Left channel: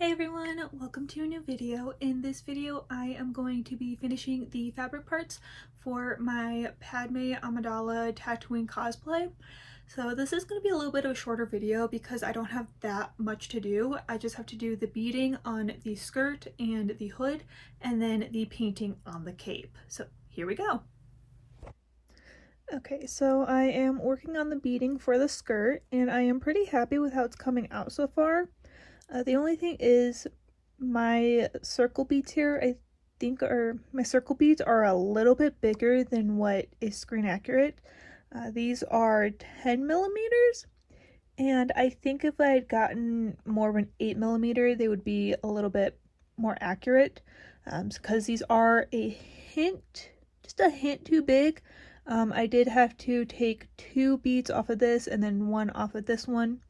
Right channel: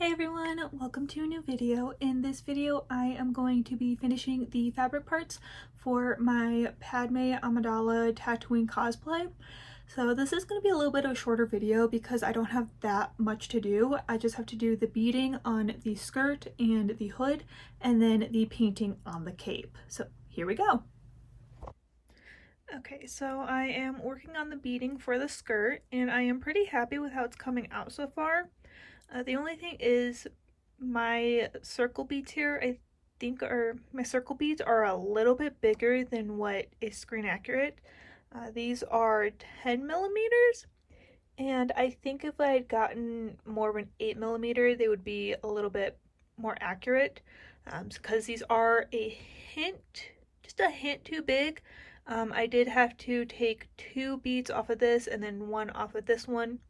Hey everyone, welcome to a new video. In this video, I am going to be finishing the fabric parts for my Padme Amidala Tatooine cosplay. So this is going to be a little bit of a shorter video because I don't have that much to do. I just have to do the beading on the skirt and the hood, and then the painting on the cape. So here we go. Okay, so I am working on the beading for the skirt, and I am pretty happy with how it's coming out so far. The only thing is my circle beads here, I think my circle beads are a little bit bigger than what is screen accurate. These are 10 millimeters, and I think if I had gotten more of an 8 millimeter, they would be a little bit more accurate, because these are just a hint too big. I did have to take 2 beads off of this and then 1 off of this one.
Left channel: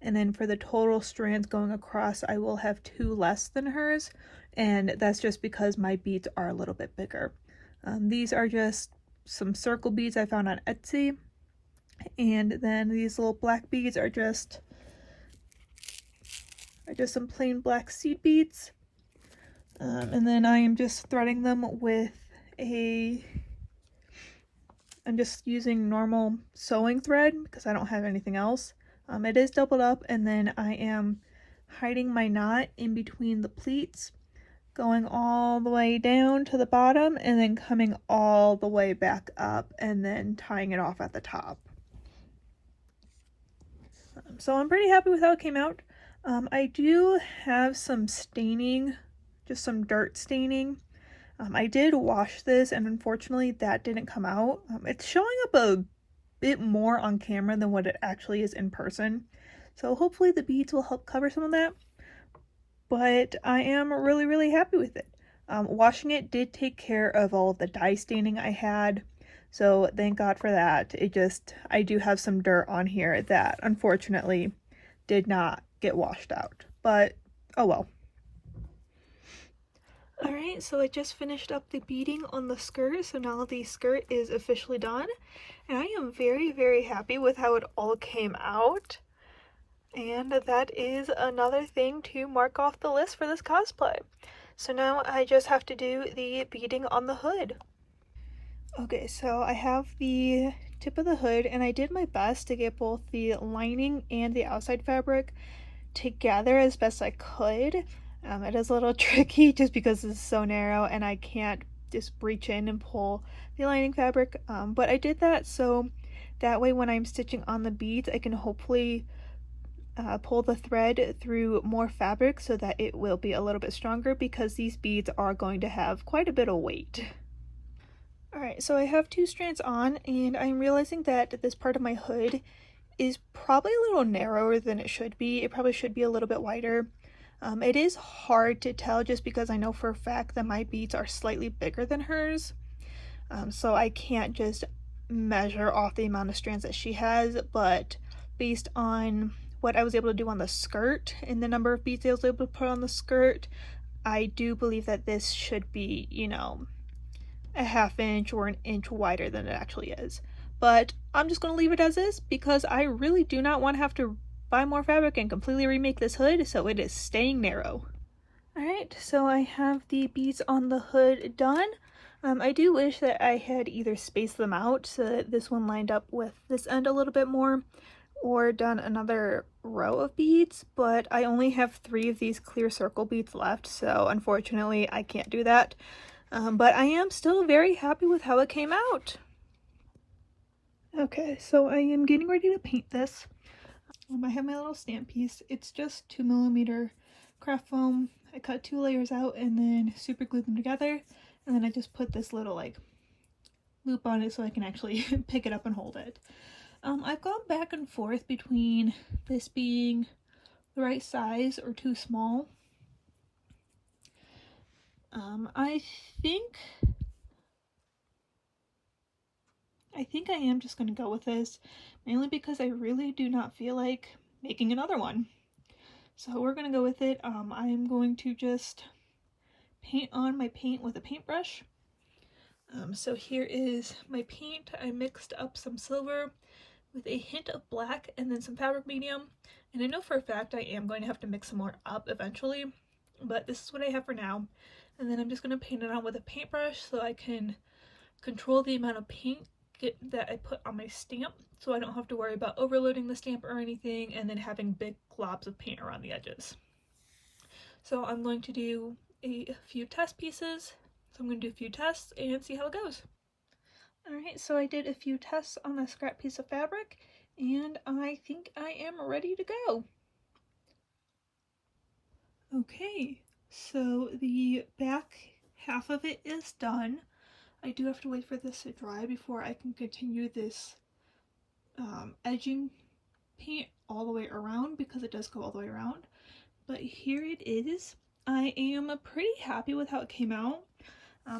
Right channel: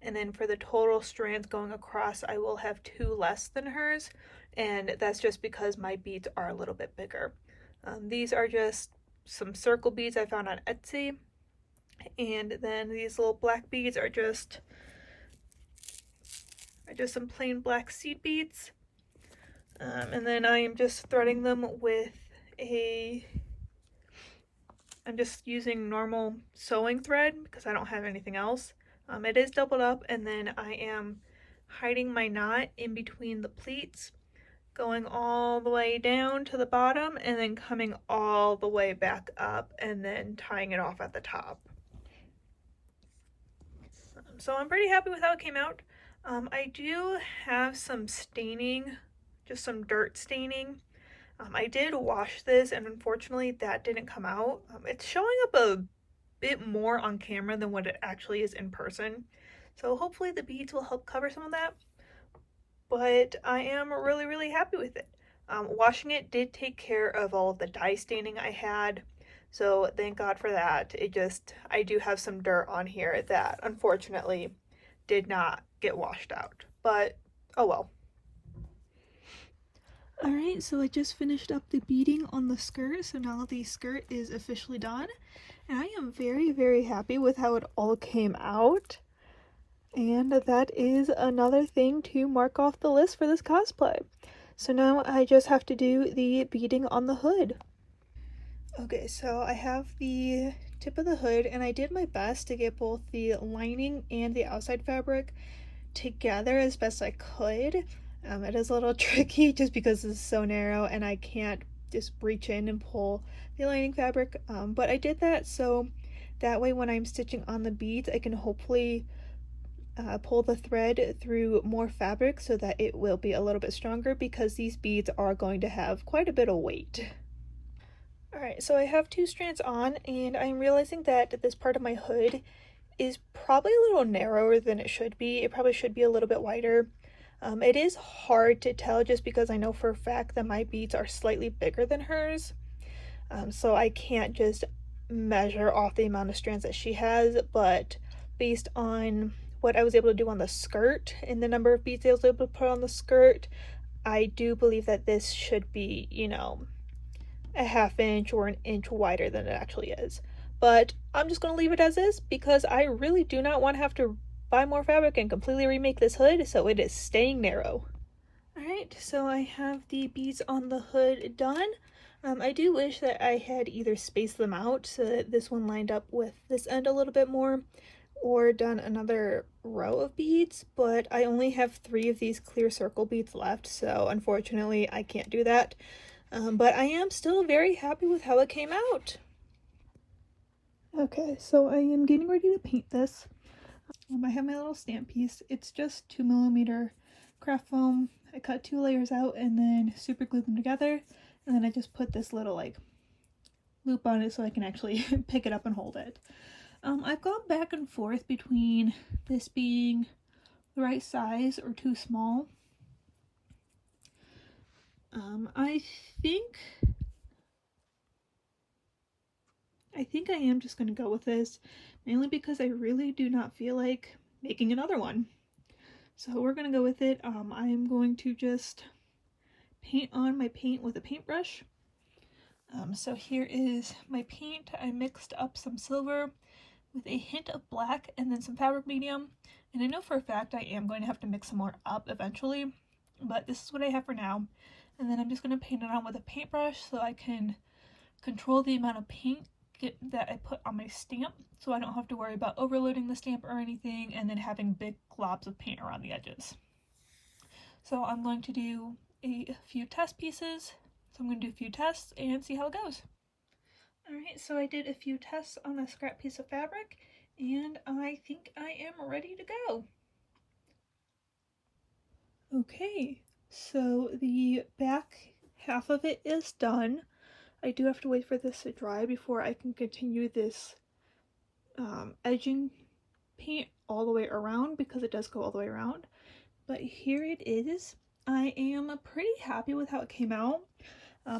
And then for the total strands going across, I will have 2 less than hers, and that's just because my beads are a little bit bigger. These are just some circle beads I found on Etsy, and then these little black beads are just some plain black seed beads. And then I am just threading them with I'm just using normal sewing thread because I don't have anything else. It is doubled up, and then I am hiding my knot in between the pleats, going all the way down to the bottom and then coming all the way back up and then tying it off at the top. So I'm pretty happy with how it came out. I do have some staining, just some dirt staining. I did wash this, and unfortunately that didn't come out. It's showing up a bit more on camera than what it actually is in person, so hopefully the beads will help cover some of that, but I am really happy with it. Washing it did take care of all of the dye staining I had, so thank God for that. I do have some dirt on here that unfortunately did not get washed out, but oh well. Alright, so I just finished up the beading on the skirt, so now the skirt is officially done. And I am very happy with how it all came out. And that is another thing to mark off the list for this cosplay. So now I just have to do the beading on the hood. Okay, so I have the tip of the hood, and I did my best to get both the lining and the outside fabric together as best I could. It is a little tricky just because it's so narrow and I can't just reach in and pull the lining fabric, but I did that so that way when I'm stitching on the beads I can hopefully pull the thread through more fabric so that it will be a little bit stronger, because these beads are going to have quite a bit of weight. Alright, so I have 2 strands on, and I'm realizing that this part of my hood is probably a little narrower than it should be. It probably should be a little bit wider. It is hard to tell just because I know for a fact that my beads are slightly bigger than hers, so I can't just measure off the amount of strands that she has, but based on what I was able to do on the skirt and the number of beads I was able to put on the skirt, I do believe that this should be, you know, a ½ inch or an inch wider than it actually is. But I'm just going to leave it as is because I really do not want to have to buy more fabric and completely remake this hood, so it is staying narrow. Alright, so I have the beads on the hood done. I do wish that I had either spaced them out so that this one lined up with this end a little bit more, or done another row of beads, but I only have 3 of these clear circle beads left, so unfortunately I can't do that. But I am still very happy with how it came out. Okay, so I am getting ready to paint this. I have my little stamp piece. It's just 2mm craft foam. I cut 2 layers out and then super glued them together, and then I just put this little like loop on it so I can actually pick it up and hold it. I've gone back and forth between this being the right size or too small. I think I am just going to go with this, mainly because I really do not feel like making another one. So we're going to go with it. I am going to just paint on my paint with a paintbrush. So here is my paint. I mixed up some silver with a hint of black and then some fabric medium. And I know for a fact I am going to have to mix some more up eventually, but this is what I have for now. And then I'm just going to paint it on with a paintbrush so I can control the amount of paint that I put on my stamp, so I don't have to worry about overloading the stamp or anything and then having big globs of paint around the edges. So I'm going to do a few test pieces. So I'm going to do a few tests and see how it goes. Alright, so I did a few tests on a scrap piece of fabric, and I think I am ready to go. Okay, so the back half of it is done. I do have to wait for this to dry before I can continue this edging paint all the way around, because it does go all the way around. But here it is. I am pretty happy with how it came out.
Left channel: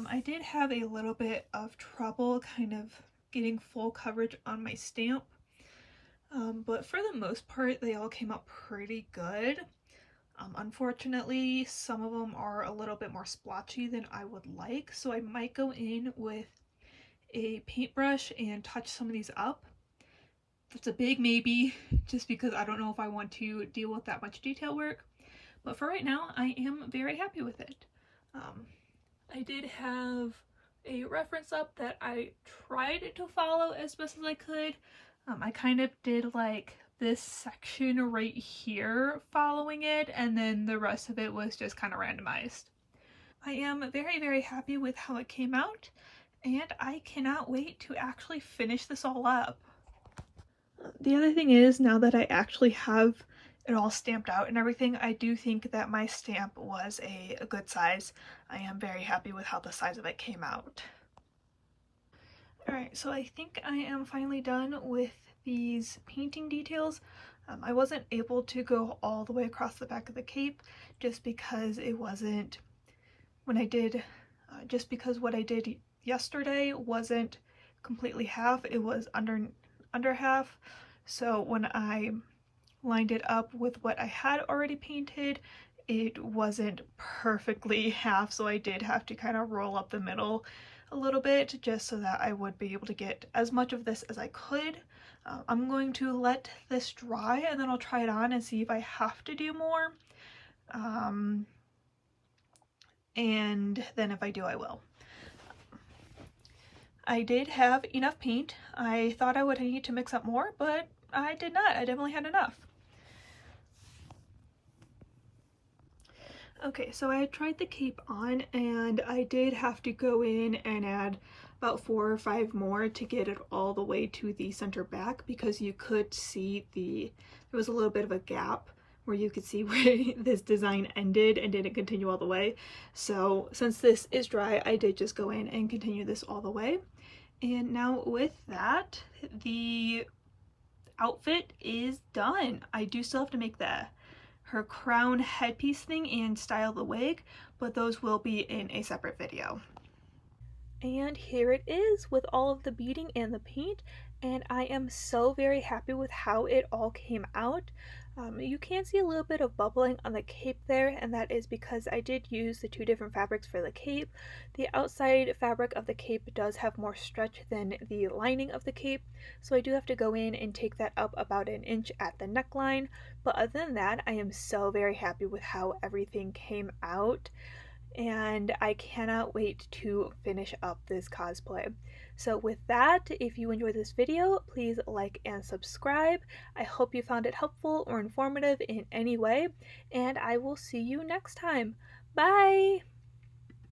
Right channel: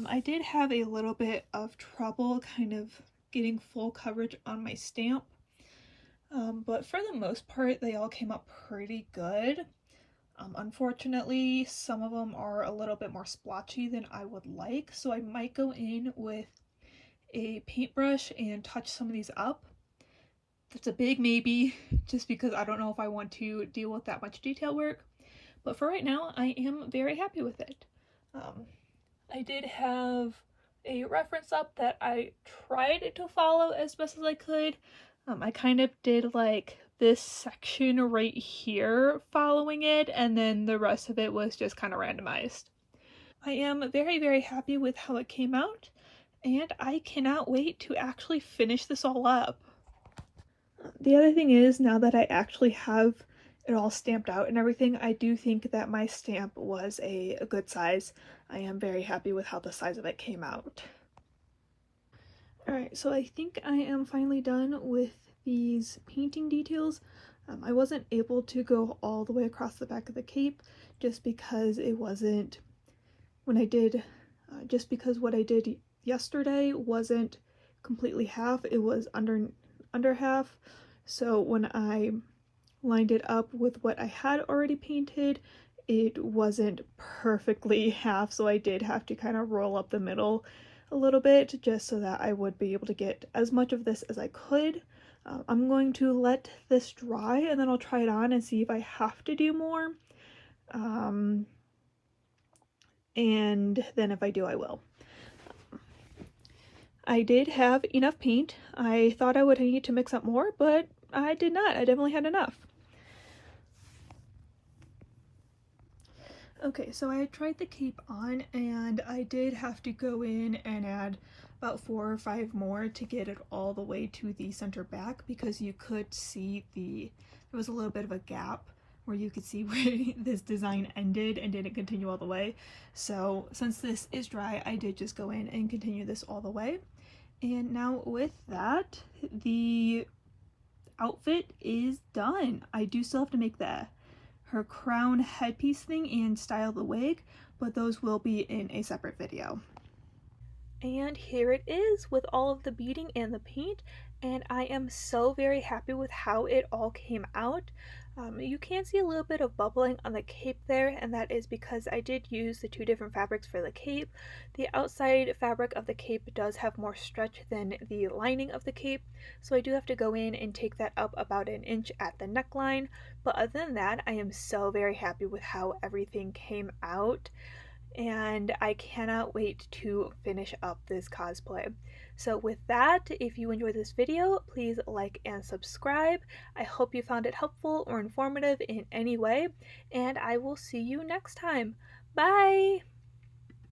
I did have a little bit of trouble kind of getting full coverage on my stamp, but for the most part they all came out pretty good. Unfortunately, some of them are a little bit more splotchy than I would like, so I might go in with a paintbrush and touch some of these up. That's a big maybe, just because I don't know if I want to deal with that much detail work. But for right now, I am very happy with it. I did have a reference up that I tried to follow as best as I could. I kind of did like this section right here following it, and then the rest of it was just kind of randomized. I am very, very happy with how it came out, and I cannot wait to actually finish this all up. The other thing is, now that I actually have it all stamped out and everything, I do think that my stamp was a good size. I am very happy with how the size of it came out. Alright, so I think I am finally done with these painting details. I wasn't able to go all the way across the back of the cape just because it wasn't, when I did, just because what I did yesterday wasn't completely half, it was under half. So when I lined it up with what I had already painted, it wasn't perfectly half, so I did have to kind of roll up the middle a little bit just so that I would be able to get as much of this as I could. I'm going to let this dry and then I'll try it on and see if I have to do more. And then if I do, I will. I did have enough paint. I thought I would need to mix up more, but I did not. I definitely had enough. Okay, so I tried the cape on and I did have to go in and add about 4 or 5 more to get it all the way to the center back, because you could see there was a little bit of a gap where you could see where this design ended and didn't continue all the way. So since this is dry, I did just go in and continue this all the way. And now with that, the outfit is done. I do still have to make her crown headpiece thing and style the wig, but those will be in a separate video. And here it is with all of the beading and the paint, and I am so very happy with how it all came out. You can see a little bit of bubbling on the cape there, and that is because I did use the 2 different fabrics for the cape. The outside fabric of the cape does have more stretch than the lining of the cape, so I do have to go in and take that up about an inch at the neckline. But other than that, I am so very happy with how everything came out, and I cannot wait to finish up this cosplay. So with that, if you enjoyed this video, please like and subscribe. I hope you found it helpful or informative in any way, and I will see you next time. Bye!